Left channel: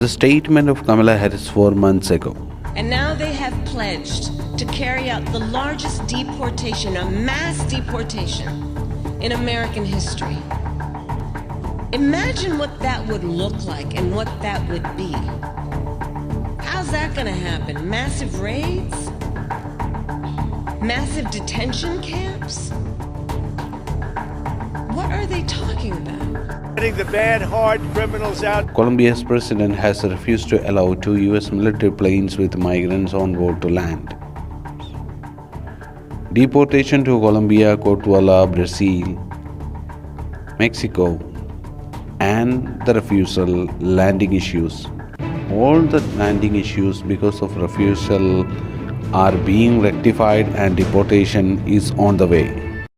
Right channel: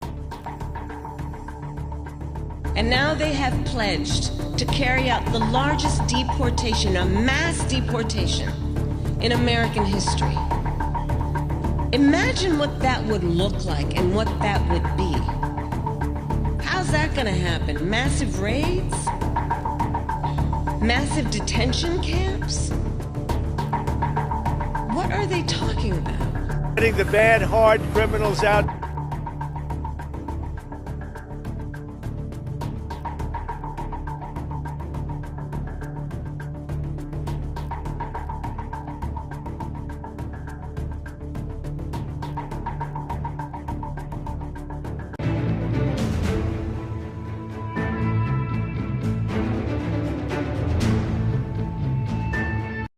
The statement of Kamala Harris 4 months ago. And now they have pledged to carry out the largest deportation, a mass deportation, in American history. Imagine what that would look like and what that would be. How's that going to happen? Massive raids? Massive detention camps? What are they talking about? Getting the bad, hard criminals out. Colombia's president has refused to allow 2 US military planes with migrants on board to land. Deportation to Colombia, Guatemala, Brazil, Mexico, and the refusal landing issues. All the landing issues because of refusal are being rectified and deportation is on the way.